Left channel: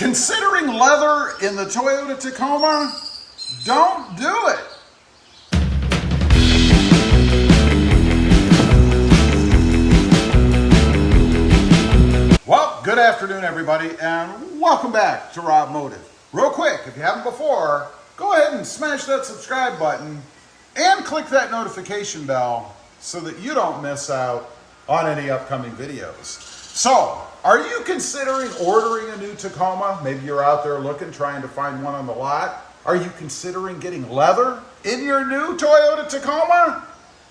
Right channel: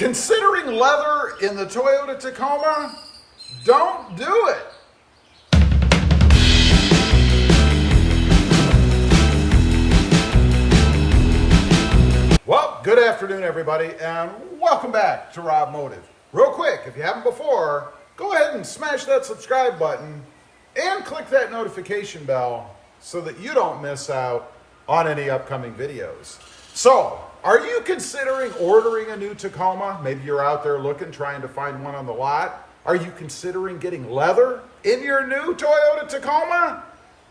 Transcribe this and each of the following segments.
Considering leather in the Toyota Tacoma? Don't do it. Well, good afternoon, everybody, and welcome back to Robmotive. Real quick, if you haven't before, go ahead and smash that subscribe button and click that notification bell so that you don't miss out on any upcoming videos. So, are you considering ordering a new Tacoma? Maybe you're out there looking, trying to find one on the lot. Are you considering getting leather in your new Toyota Tacoma?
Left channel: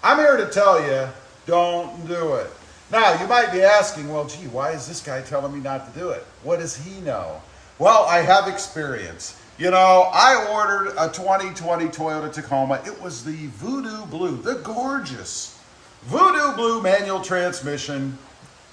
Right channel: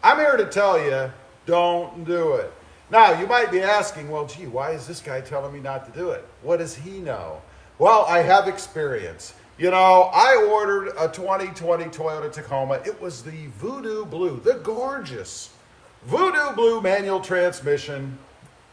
I'm here to tell you, don't do it. Now, you might be asking, well, gee, why is this guy telling me not to do it? What does he know? Well, I have experience. You know, I ordered a 2020 Toyota Tacoma. It was the Voodoo Blue, the gorgeous Voodoo Blue manual transmission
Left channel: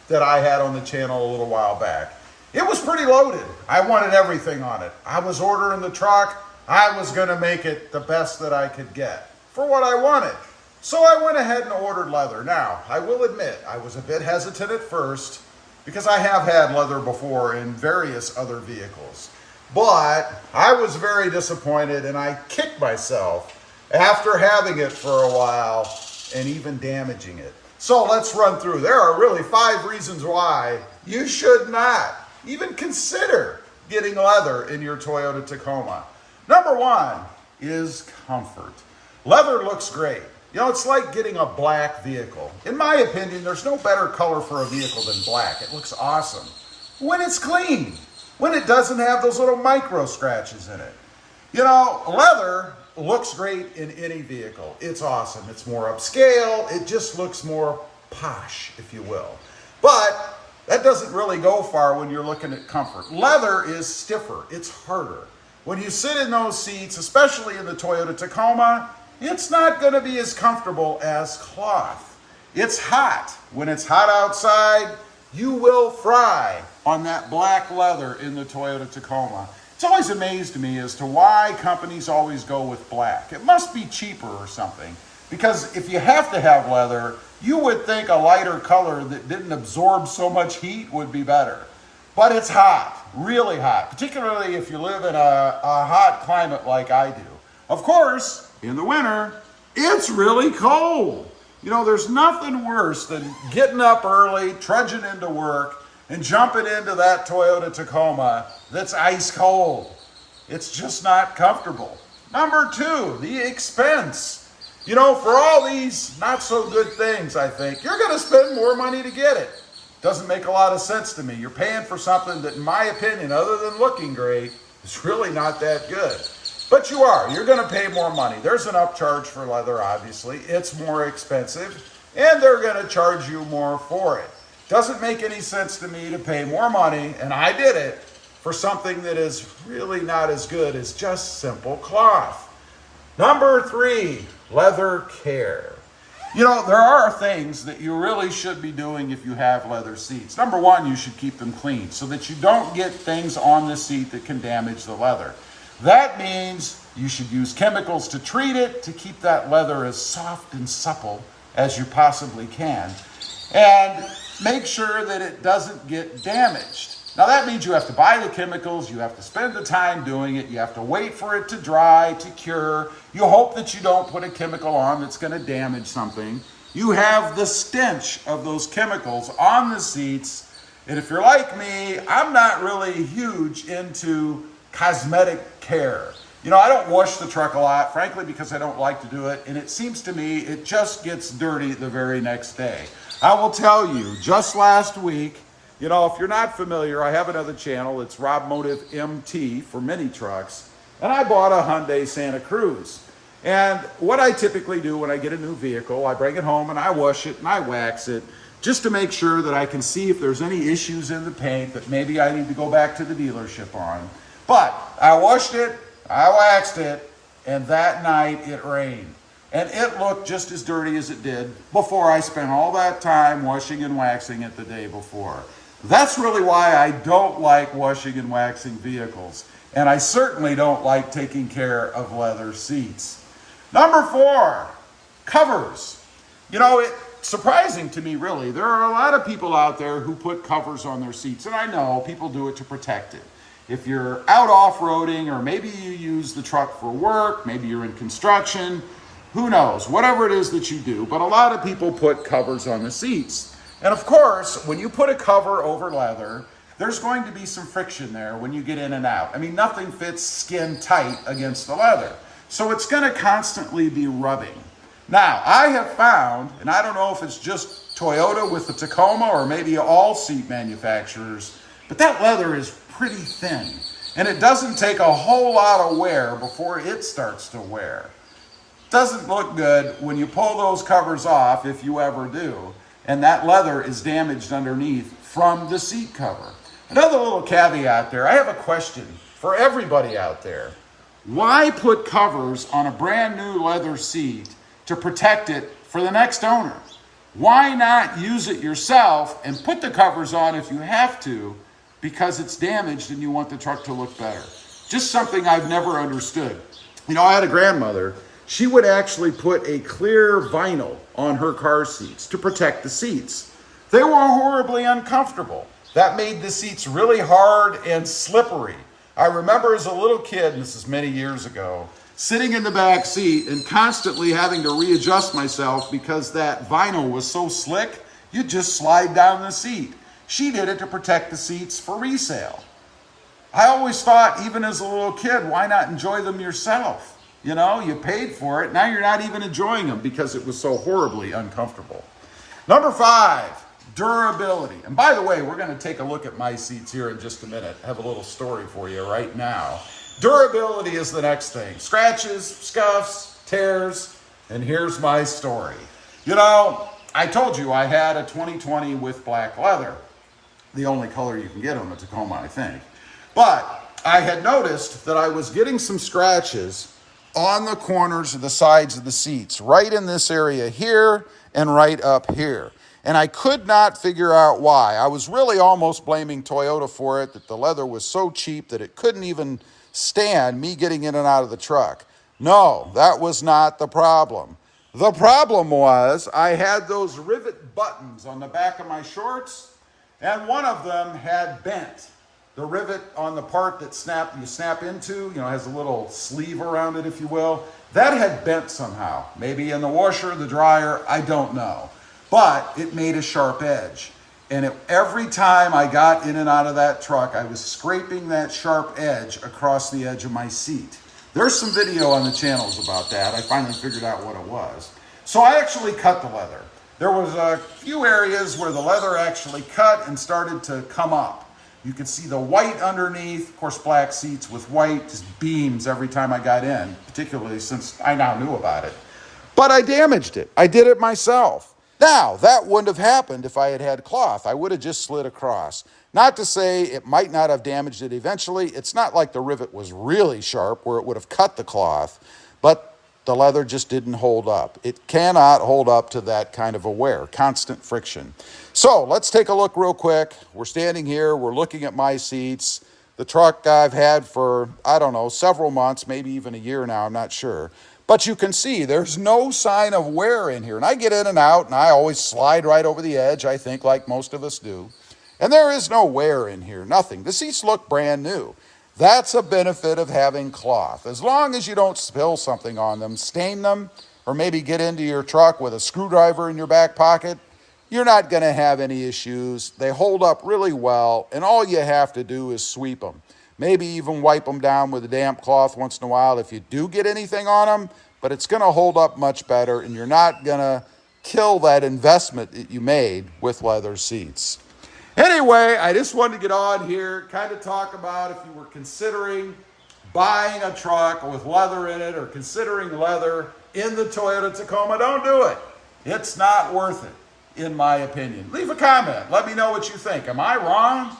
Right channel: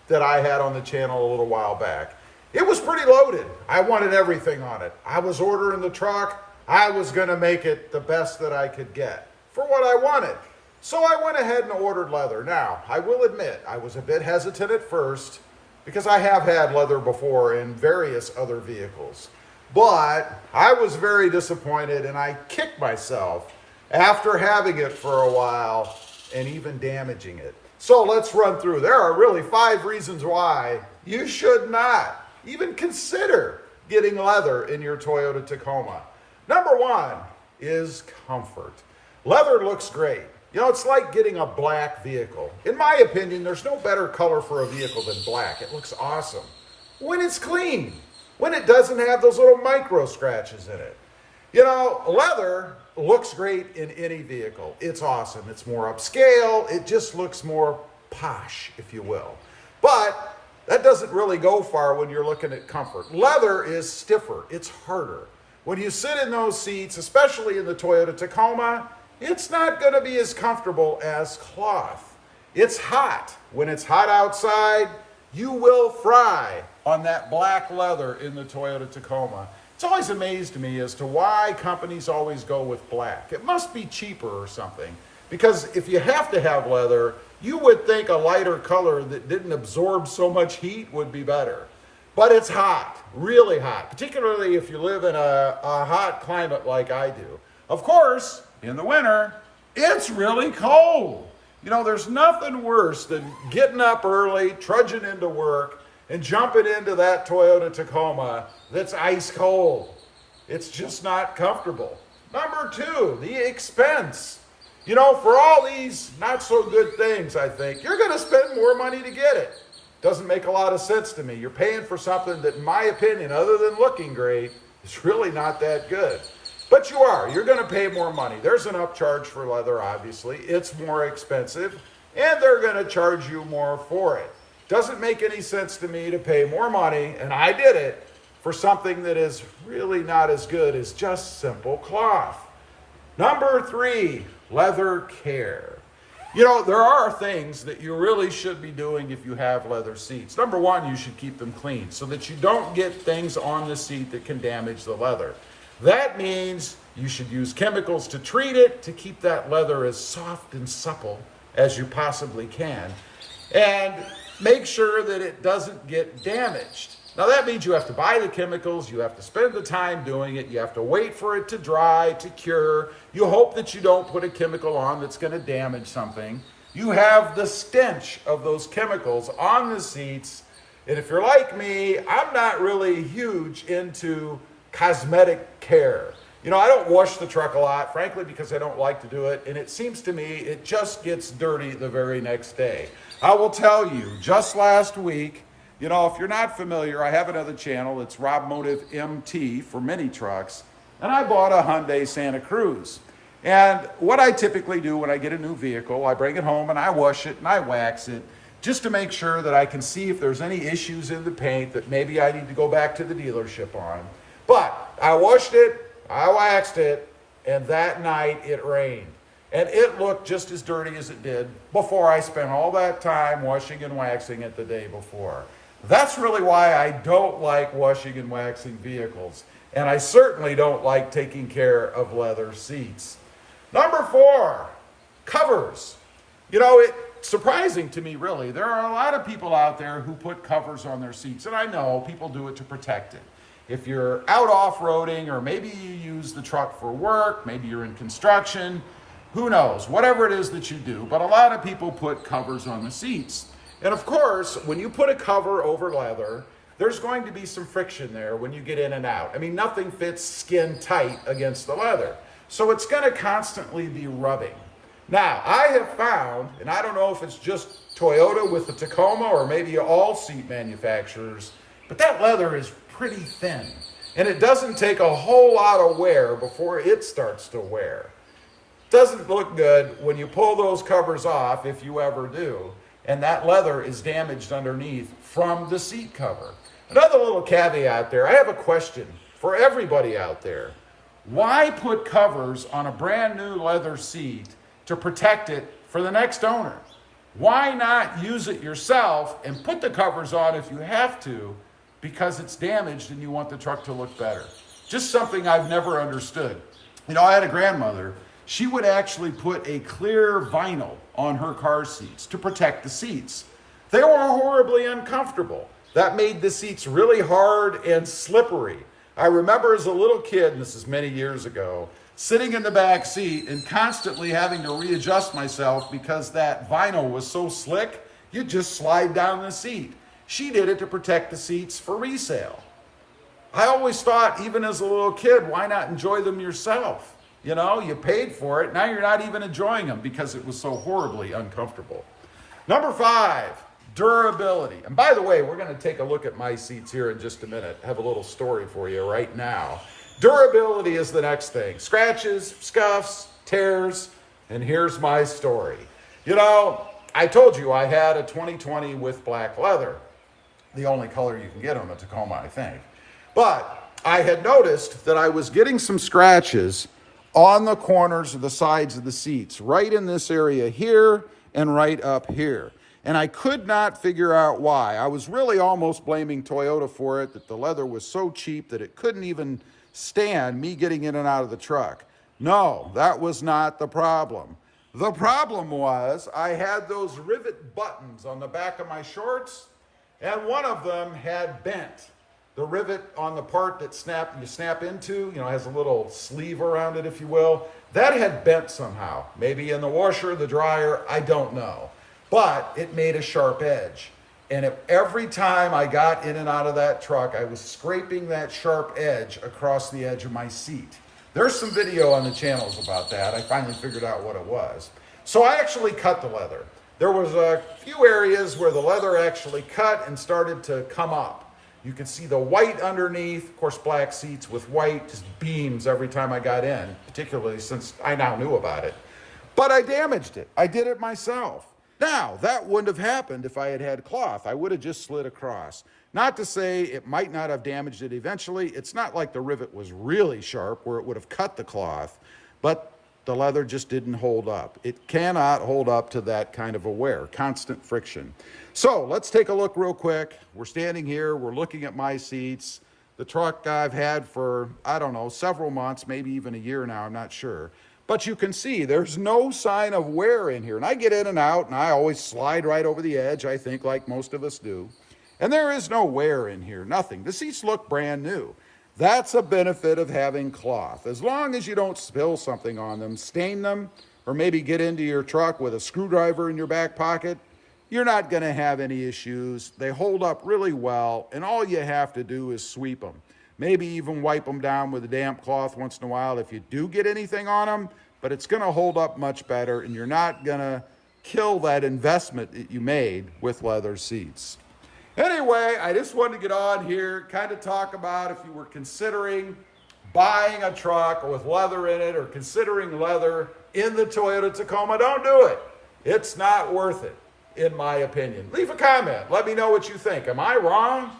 that I had on the channel a little while back. It was pretty loaded. I wanted everything on it. I was ordering the truck. I was gonna make it the best that I could get for what I wanted. So I went ahead and ordered leather. Now, I will admit, I was a bit hesitant at first because I have had leather before in various other vehicles. But I was very disappointed and I kicked myself after having it for a while and even damaging it. So let's run through. There are really 5 reasons why you should not even consider getting leather in your Toyota Tacoma. Number 1 is comfort. Leather looks great. You know, it's like getting a black vehicle. In my opinion, there's no better color for a vehicle than black. It looks awesome when it's clean, when it doesn't have those little micro scratches in it. You know, leather looks great in any vehicle. It's awesome. It's more upscale. It just looks more posh, if you will. But that doesn't really go far when you're looking at comfort. Leather is stiffer. It's harder. When you sit in those seats, especially in the Toyota Tacoma, it's not going to be as comfortable as cloth. It's hot. When it's hot outside, you will fry on that black leather in the Toyota Tacoma. It's always amazed me as to why companies always go with black. It must be cheaper or something, because if you have to have leather, you would think a lighter color that didn't absorb so much heat would be better. But it's hot, really hot, particularly if you live in a hot climate like I do. Of course, in the winter, it's really cold. You know, there's nothing worse than getting up early, trudging into work, and jumping into that Toyota Tacoma that's ice cold. It's just not comfortable. Number 2, the expense. You know, for all these not so good things, I think, you're gonna spend more money to get it. Doesn't make a lot of sense to me. You're paying for something that, in my opinion, other than looking great, is really not that good. But you're gonna pay more money. There's an upcharge for leather, obviously. It's more expensive, and they're gonna charge you more for it. Doesn't make any sense to me to pay more money, and I did it, for something that is really not as good as just simple cloth. Number 3, leather care. You know, there are things that you really should be doing if you have leather seats. Number 1, you should keep them clean so that you don't get things on the seat that can damage the leather. That means you should use chemicals to treat it, to keep that leather as soft and supple as you possibly can. And make sure that it doesn't get damaged. Now that means you have to buy the chemicals, you have to spend the time doing it, you have to wait for it to dry, to cure. You hope that you don't put a chemical on that's gonna damage something. You have the stench of those chemicals on the seats. And if you're like me, I'm not really huge into cosmetic care. You know, I don't wash the truck a lot, frankly, because I don't like to do it. And it seems to me it just gets dirty the very next day. I will tell you, just last week, you know, if you're not familiar, I have another channel. It's Robmotive MT for mini trucks. And I bought a Hyundai Santa Cruz. And what I typically do when I get a new vehicle, I bring it home and I wash it and I wax it just to make sure that I can see if there's any issues in the paint that maybe I need to go back to the dealership on. But I washed it, I waxed it, and that night it rained. And it looked just as dirty as it did before I spent all that time washing and waxing it the day before. That's really why I don't like washing and waxing vehicles. And I certainly don't like taking care of leather seats. Number 4, covers. You know, it's surprising to me, really. There are a lot of people out there who put covers on their seats. And I know people do it to protect it. If you're out off-roading, or maybe you use the truck for work, maybe you're in construction, who knows, whatever it is that you do, but a lot of people put covers on the seats. And of course, when you put a cover over leather, there's going to be some friction there when you get in and out. I mean, nothing fits skin tight against the leather. So it's gonna constantly be rubbing. Now, I have found, and I don't know if it's just Toyota with the Tacoma or maybe all seat manufacturers, but that leather is pretty thin. And it doesn't take a whole lot of wear before it starts to wear. Doesn't look good when you pull those covers off, if you ever do, and that leather is damaged underneath from the seat cover. Another little caveat there, I have a question for everybody out there. Why put covers on a brand new leather seat to protect it for the next owner? Why not use it yourself and put the covers on if you have to, because it's damaged and you want the truck to look better? Just something I've never understood. You know, I had a grandmother. She would actually put a clear vinyl on her car seats to protect the seats. They were horribly uncomfortable. That made the seats really hard and slippery. I remember as a little kid, and this is many years ago, sitting in the back seat and constantly having to readjust myself because that vinyl was so slick, you'd just slide down the seat. She did it to protect the seats for resale. I always thought, even as a little kid, why not enjoy them yourself? You know, you paid for it. Now you're not even enjoying them because it was so horribly uncomfortable. Number 5, durability. And by the way, we're going to take a look at my seats here in just a minute. I have a little story for you right now. Durability is the next thing. Scratches, scuffs, tears, and here's my story. You know, I told you I had a 2020 with black leather. The only color you can get on the Tacoma, I think. But I had noticed that I was getting some scratches on the corners of the sides of the seats, right in this area here and right up here. And I could not figure out why. I was really almost blaming Toyota for it, that the leather was so cheap that it couldn't even stand me getting in and out of the truck. No, that was not the problem. The problem was I had those rivet buttons on the back of my shorts, and one of them had bent. The rivet on the part that you snap into, you know, has a little sleeve around it, if you will. That had bent somehow. Maybe in the washer, the dryer, I don't know. But it made a sharp edge. And every time I got in and out of that truck, I was scraping that sharp edge across the edge of my seat. There's some video on the channels about that. I finally figured out what it was. So I actually cut the leather. There was a few areas where the leather actually cut and started to come up. You could see the white underneath, of course, black seats with white just beams every time I got in, particularly since I now knew about it. But I damaged it. I did it myself. Now, that wouldn't have happened if I had had cloth. I would have just slid across. Not to say it might not have damaged it eventually. It's not like the rivet was really sharp where it would have cut the cloth, but the leather just didn't hold up. It cannot hold up to that kind of a wear, constant friction. So let's take a look real quick. We're standing here, we're looking at my seats. The truck I've had for, I don't know, several months, maybe even a year now, I'm not sure. But you can see there's no sign of wear in here. And I get in and out, and I always slide right over the edge, I think, like most of us do. And there is no wear in here, nothing. The seats look brand new. That's a benefit of having cloth. As long as you don't spill something on them, stain them, or maybe get into your truck with a screwdriver in your back pocket, you're not going to have any issues. They hold up really well, and all you have to do is sweep them. Maybe even wipe them down with a damp cloth once in a while if you do get anything on them, but it's going to hold up much better, and you're not going to kill that investment that you made with leather seats. Anyway, I just wanted to get on here, kind of talk about if you were considering buying a truck with leather in it or considering leather in the Toyota Tacoma, don't do it. It's not worth it, in my opinion. Leave a comment. Let me know what you think. Am I wrong?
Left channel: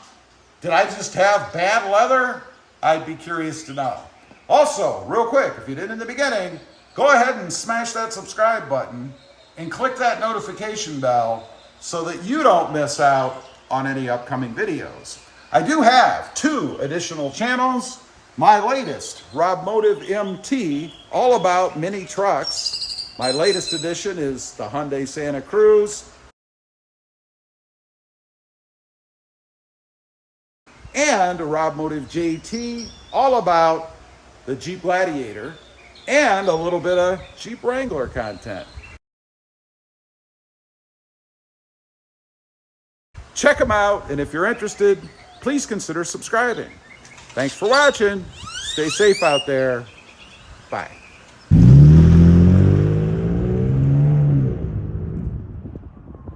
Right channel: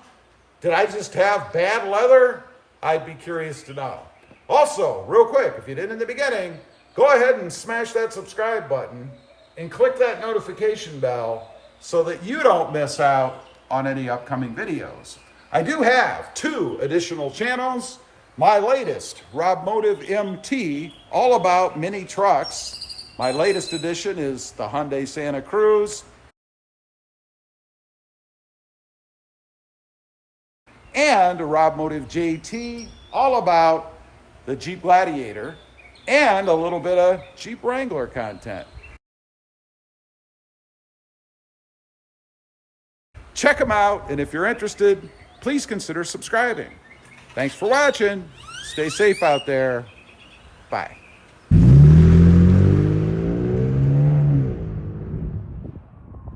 Did I just have bad leather? I'd be curious to know. Also, real quick, if you didn't in the beginning, go ahead and smash that subscribe button and click that notification bell so that you don't miss out on any upcoming videos. I do have 2 additional channels. My latest, Robmotive MT, all about mini trucks. My latest edition is the Hyundai Santa Cruz. and a Robmotive JT, all about the Jeep Gladiator, and a little bit of Jeep Wrangler content. Check them out, and if you're interested, please consider subscribing. Thanks for watching. Stay safe out there. Bye.